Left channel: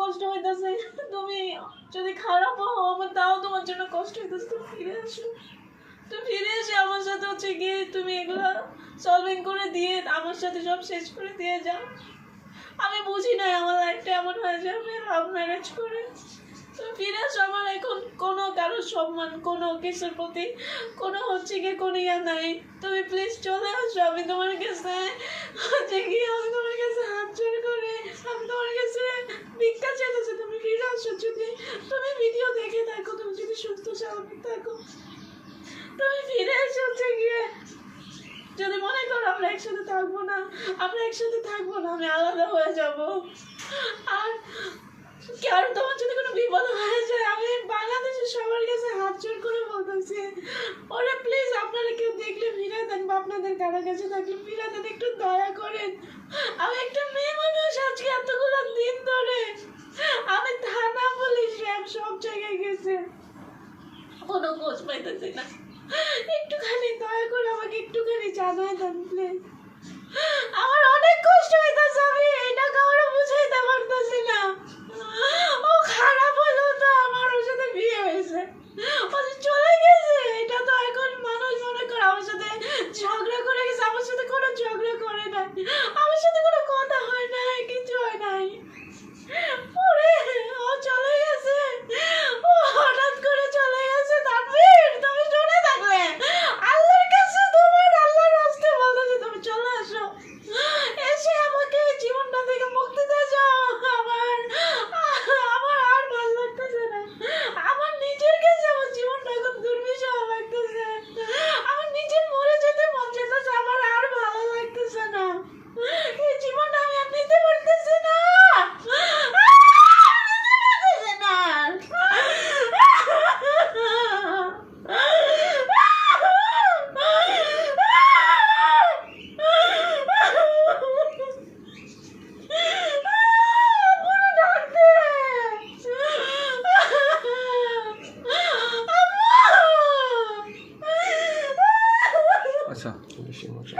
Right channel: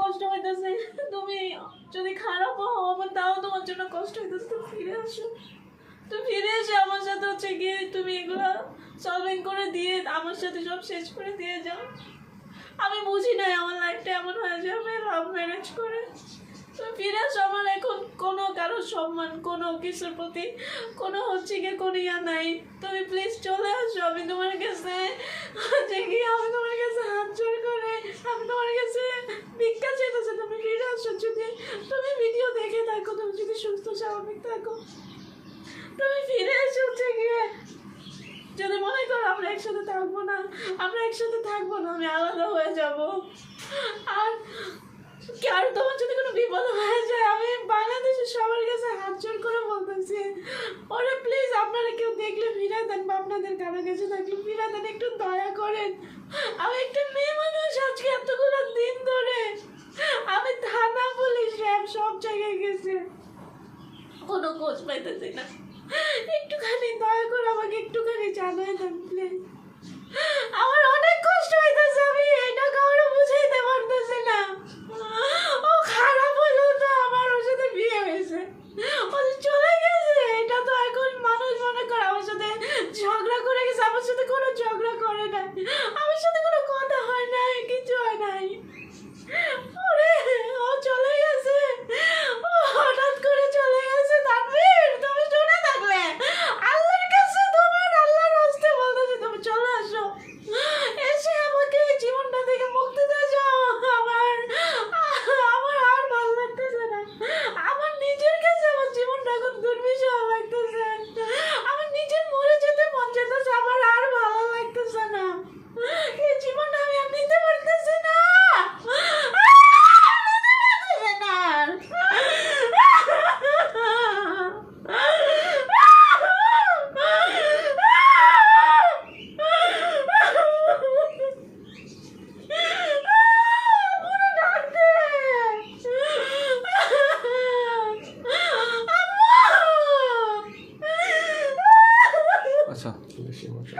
কষ্ট হইতেছে, তুমি যদি খারাপ হও আমার তাও তোমার জন্য কষ্ট হইতেছে। তুমি ফিরে আসো, তুমি ফিরে এসে আমার সাথে হচ্ছে গিয়ে তুমি এগুলা সলভিং করে দিয়ে আমার সাথে সব শেষ করে দিয়ে যাও। আমি বুঝি নাই আমার লাইফটা এমন হয়ে যাবে লাভ ম্যারেজ করে। তুমি ফিরে আসো, আমার এখন কোনো কারোর সম্মান কোনো কিছুর প্রতি কোনো হচ্ছে গিয়ে কোনো ইয়া নাই। তুমি প্লিজ চলে আসো, আমি তোমার কাছে হচ্ছে গিয়ে আমি তোমার কাছে হাত জোর করে আমি তোমার কাছে ভিক্ষা চেয়েছি। তুমি ফিরে আসো, যদি তুমি ভিডিও দেখে থাকো, তুমি যদি সুস্থ স্বাভাবিক থাকো, তুমি ফিরে এসে হচ্ছে গিয়ে যদি মনে করো আমরা একসাথে থাকবো না, আমরা একসাথে থাকবো না, আমি আলাদা হয়ে যাব। আর কারণ তোমার যদি কোনো বিপদ হয়ে যায়, আমি বাংলাদেশের সবার কাছে হাত জোর করে বলতেছি, ওরে প্লিজ আপনারা কেউ দেখলে ফিরাই দেন বা আপনাদের কারো কাছে থাকলে ফিরাই দেন, একটু দয়া করেন। আমি একটা মেয়ে মানুষ, আজকে এতগুলো দিন ধরে আমি থানা পুলিশ র্যাব সব জায়গায় গেছে, কোনো খোঁজ পাইতেছি না। একটুখানি দয়া করে আমাকে একটুখানি জানাই দেন প্লিজ। আমার অনেক কষ্ট হইতেছে, আমি এটা কাউরে বুঝাইতে পারতেছি না। ও খারাপ হইলেও তো আমার ওর সাথে বিয়ে হয়েছে, ও চলে গেছে, এটা তো এখন মানুষ মনে করে আমার সাথে ঝগড়া করে গেছে, আমার সাথে কোনো ঝগড়া করে নাই, আমার সাথে কোনো কথা হয় নাই, কিছু হয় নাই। ওরে ও চলে গেছে, ও হঠাৎ করে চলে গেছে। তানভীর তুমি শুনে থাকলে আল্লাহর কাছে তোমার আল্লাহর হস্তে বলতেছে তুমি চলে আসো, এসে আমাকে এই জীবনটা থেকে মুক্তি দিয়ে যাও। আমার আমার আর ভালো লাগতেছে না, আমার নিজের কাছে আমার জীবনটা এখন দুর্বিষহ লাগতেছে, আমার নিজের মরে যেতে মন চাইতেছে, আমার আর ভালো লাগতেছে না, এই জীবনটা আমি আর নিতে পারতেছি না। আচ্ছা বেশি মজা